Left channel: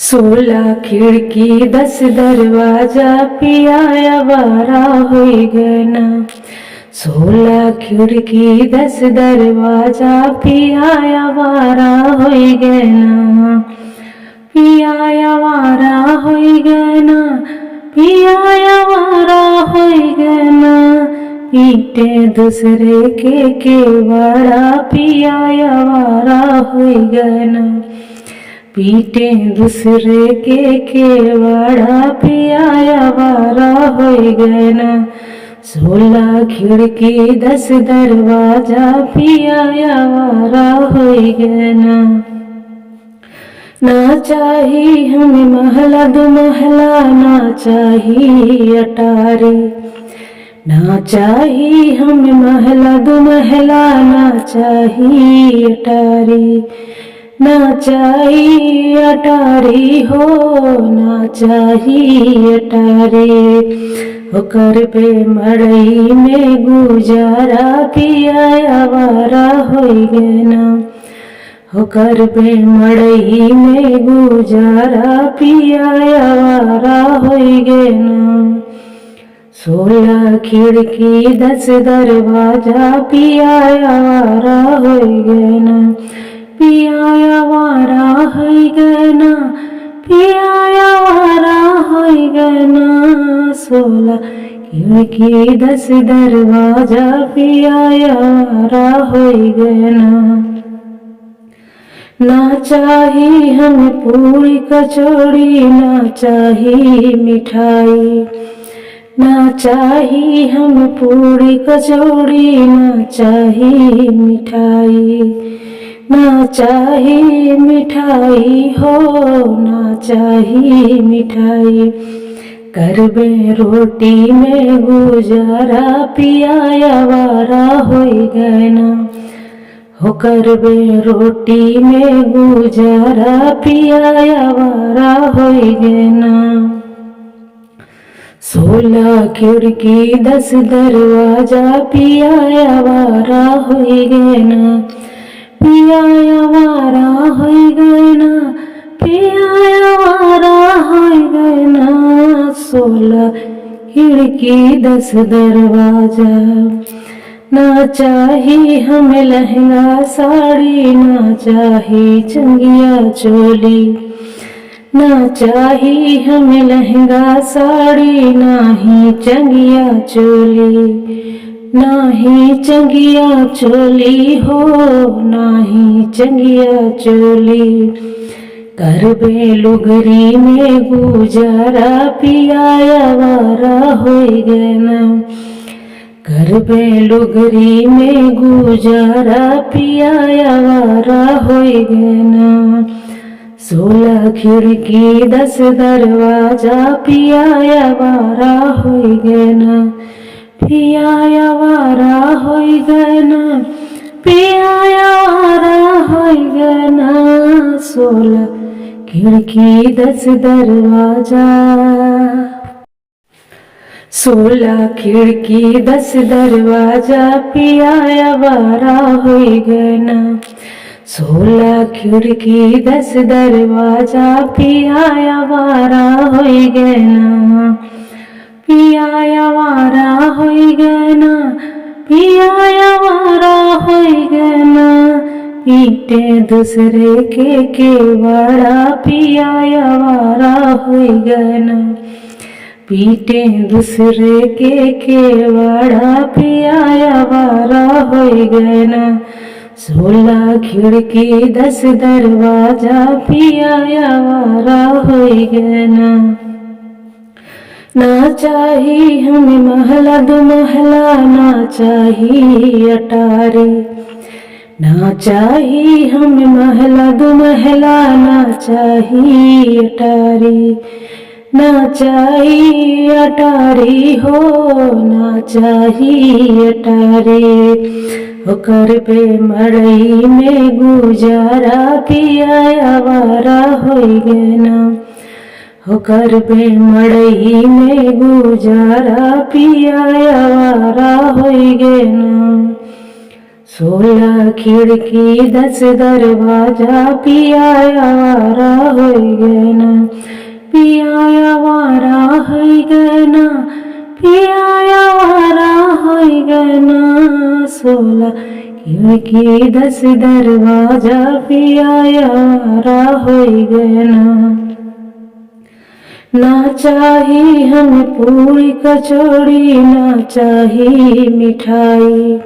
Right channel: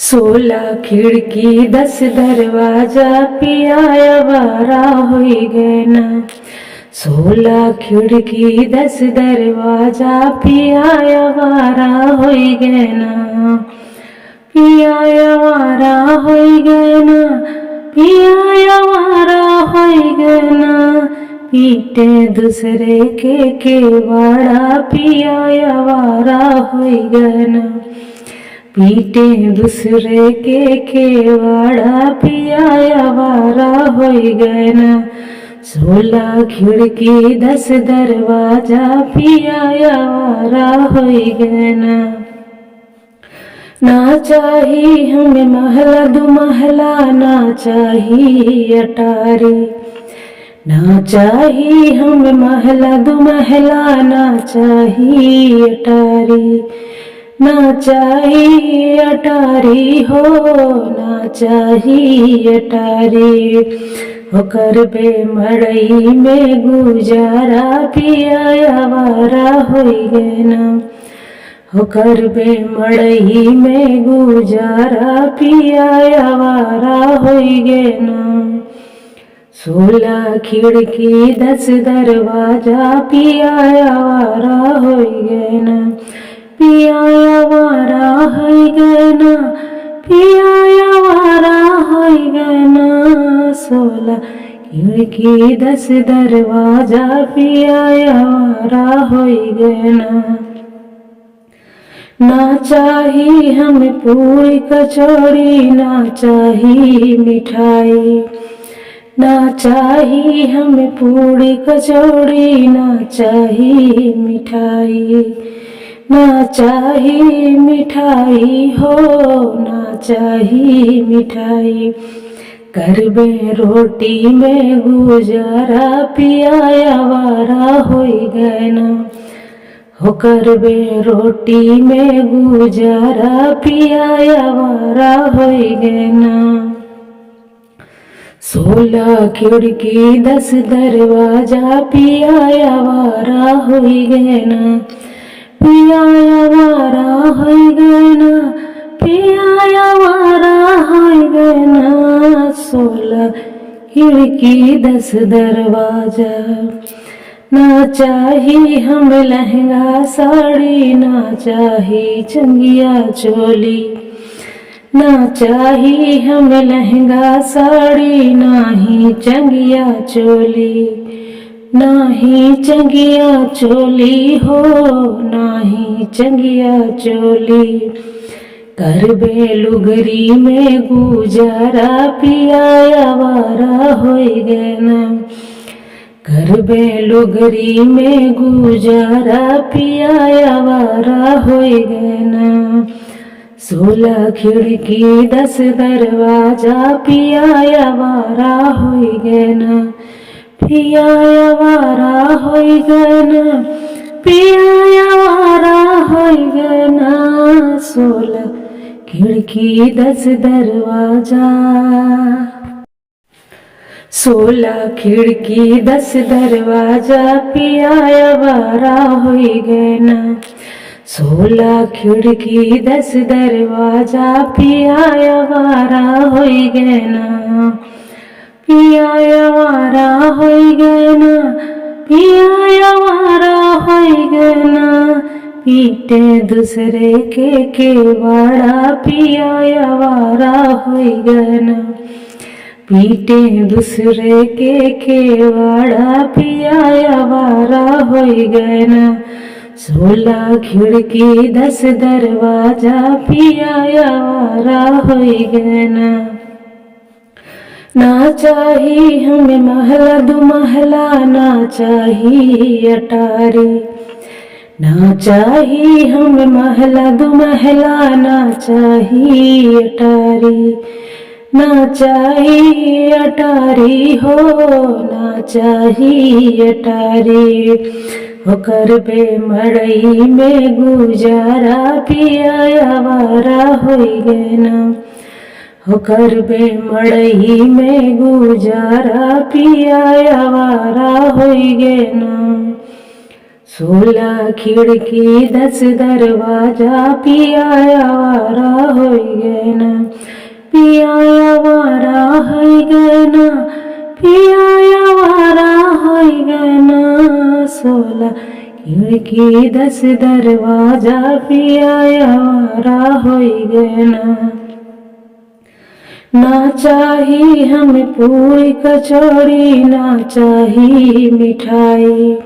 16 खिड़की 10 दरवाजा पिया आवारा होई गए ना। 16 खिड़की 10 दरवाजा पिया आवारा होई गए ना। पिया आवारा होई गए ना, पिया आवारा होई गए ना। पीटे दूसरे के केवाड़ा पिया आवारा होई गए ना। पीटे दूसरे के केवाड़ा पिया आवारा होई गए ना। 16 खिड़की 10 दरवाजा पिया आवारा होई गए ना। ना चाही हमें महला दो महला, ना चाही अटारी। ना चाही हमें महला दो महला, ना चाही अटारी। ना चाही अटारी हो, ना चाही अटारी। होकर बे मड़ई में गुजारा पिया आवारा होई गए ना। होकर बे मड़ई में गुजारा पिया आवारा होई गए ना। 16 खिड़की 10 दरवाजा पिया आवारा होई गए ना। पिया आवारा होई गए ना, पिया आवारा होई गए ना। 16 खिड़की 10 दरवाजा पिया आवारा होई गए ना। ना चाही हमें पूरी कचौड़ी, ना चाही मिठाई। ना चाही हमें पूरी कचौड़ी, ना चाही मिठाई। ना चाही मिठाई हो, ना चाही मिठाई। करबे रोटी में गुजारा पिया आवारा होई गए ना। होकर बे रोटी में गुजारा पिया आवारा होई गए ना। 16 खिड़की 10 दरवाजा पिया आवारा होई गए ना। पिया आवारा होई गए ना, पिया आवारा होई गए ना। 16 खिड़की 10 दरवाजा। ना चाही हमें लहंगा साड़ी, ना चाही चंगिया चोली। ना चाही हमें लहंगा साड़ी, ना ही चंगिया चोली। ना ही चंगिया चोली हो, ना ही चंगिया चोली। करबे लुगरी में गुजारा पिया आवारा होई गए ना। करबे लुगरी में गुजारा पिया आवारा होई गए ना। 16 खिड़की 10 दरवाजा पिया आवारा होई गए ना। पिया आवारा होई गए ना, पिया आवारा होई गए ना। 16 खिड़की 10 दरवाजा। 16 खिड़की 10 दरवाजा पिया आवारा होई गए ना। 16 खिड़की 10 दरवाजा पिया आवारा होई गए ना। पिया आवारा होई गए ना, पिया आवारा होई गए ना। पीटे दूसरे के केवाड़ा पिया आवारा होई गए ना। पीटे दूसरे के केवाड़ा पिया आवारा होई गए ना। 16 खिड़की 10 दरवाजा पिया आवारा होई गए ना। ना चाही हमें महला दो महला, ना चाही अटारी। ना चाही हमें महला दो महला, ना चाही अटारी। ना चाही अटारी हो, ना चाही अटारी। होकर बे मड़ई में गुजारा पिया आवारा होई गए ना। होकर बे मड़ई में गुजारा पिया आवारा होई गए ना। 16 खिड़की 10 दरवाजा पिया आवारा होई गए ना। पिया आवारा होई गना 16 खिड़की 10 दरवाजा पिया आवारा होई गना। ना चाही हमें पूरी कचौड़ी ना चाही मिठाई,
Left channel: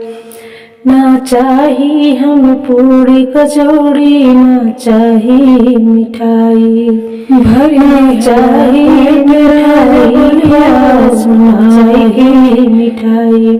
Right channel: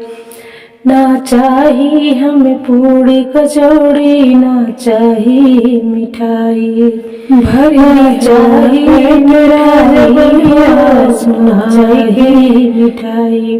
ना चाही हमें पूरी कचौड़ी ना चाही मिठाई, भरी चाही मेरा ना चाही मिठाई।